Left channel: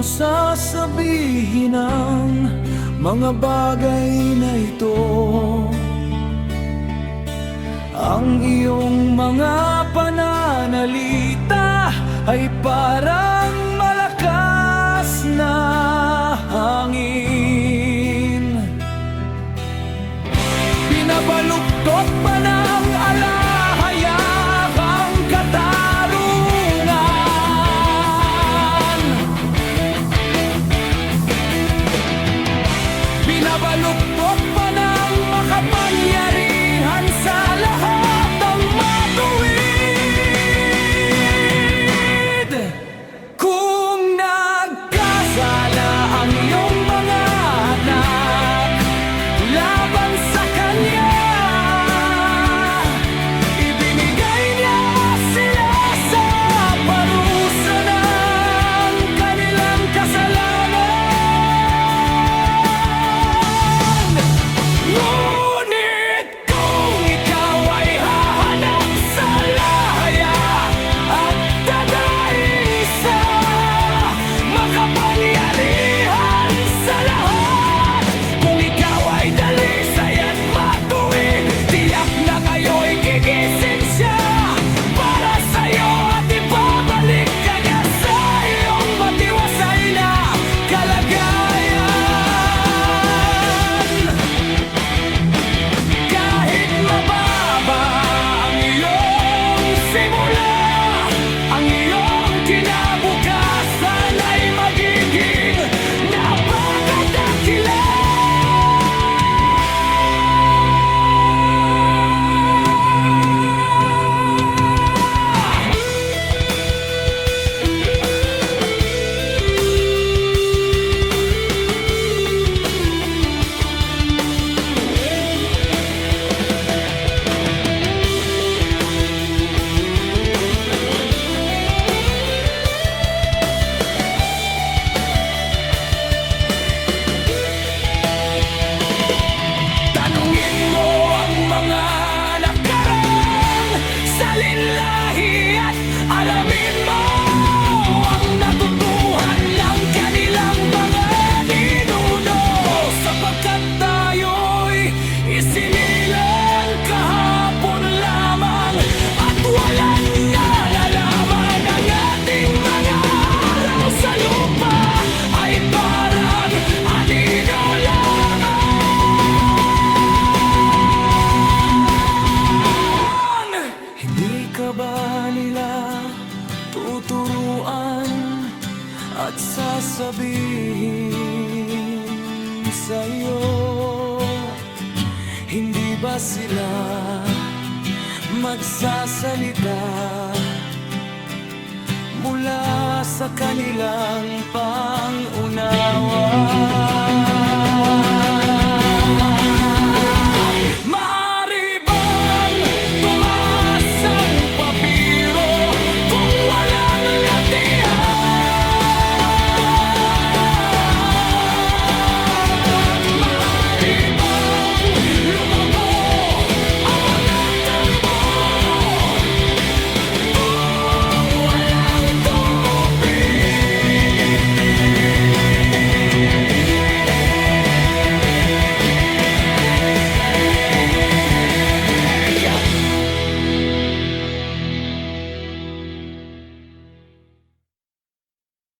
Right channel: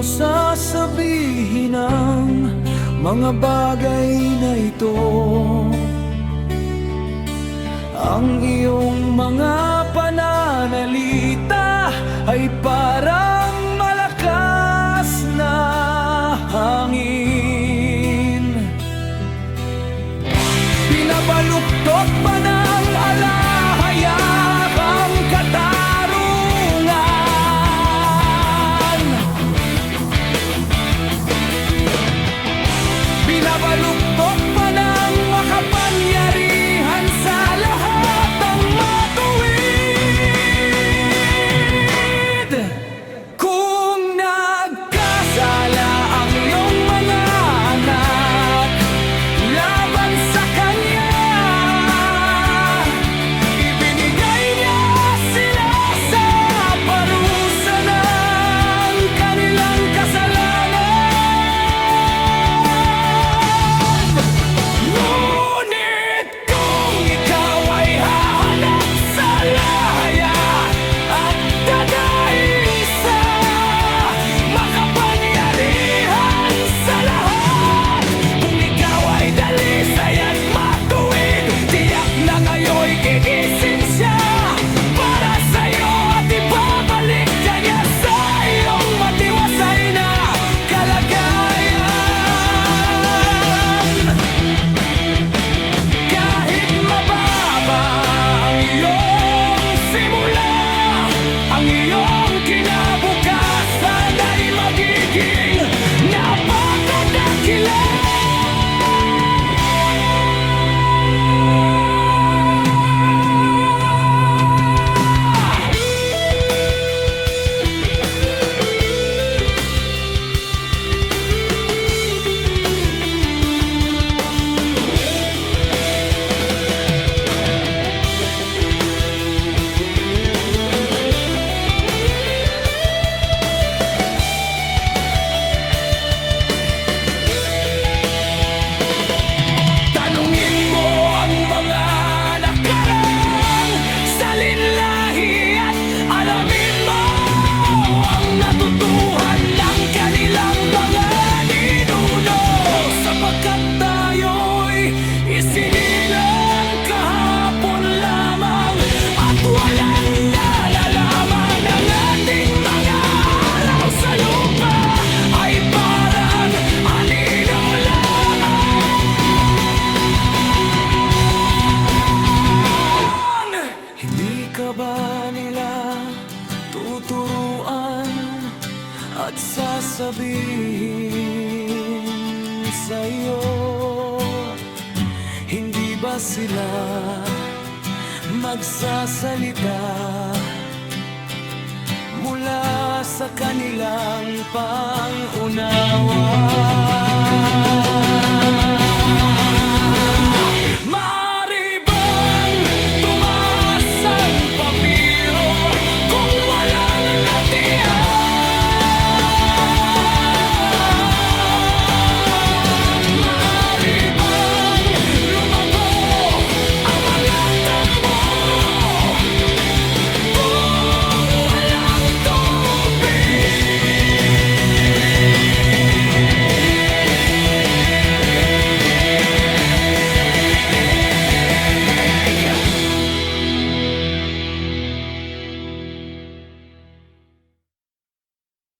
mo sasabihin ang mga bagay na ito? Ang iyong mga pananalita ay parang malakas na hangin. Pinabaluktot pa ng alahayag ang katarungan. Binabaluktot pa ng makapangyarihan sa lahat ang matuwid. Kung nagkasala ang iyong mga anak laban sa kanya, ibinigay niya sila sa parusa ng kanilang kasalanan. Ngunit kung ikaw ay hahanap sa lahaya at dadaig sa makapangyarihan sa lahat, kung ikaw ay dalisay at matuwid, tiyak na ngayon'y gigising siya para sa'yo at ibabalik ka niya sa iyong matiwasay na kalagayan. Kahit mababa ang iyong simula, ang iyong kinabukasan ay magiging napakadakila. Tanungin mo ang mga nakarang salinlahi at alamin mo ang natutuhan ng kanilang mga ninuno, sapagkat tayo'y isinilang kahapon lamang at walang nalalaman. Ang ating mga araw sa lupa ay parang anino lamang. Hindi ka ba nila tuturuan at sasabihin sa'yo? Hindi ba sila magsasalita mula sa kanilang pangunawa? Maaari bang tumaas ang papiro kung walang latihan? Maaari bang lumago ang mga tambo kung walang tubig?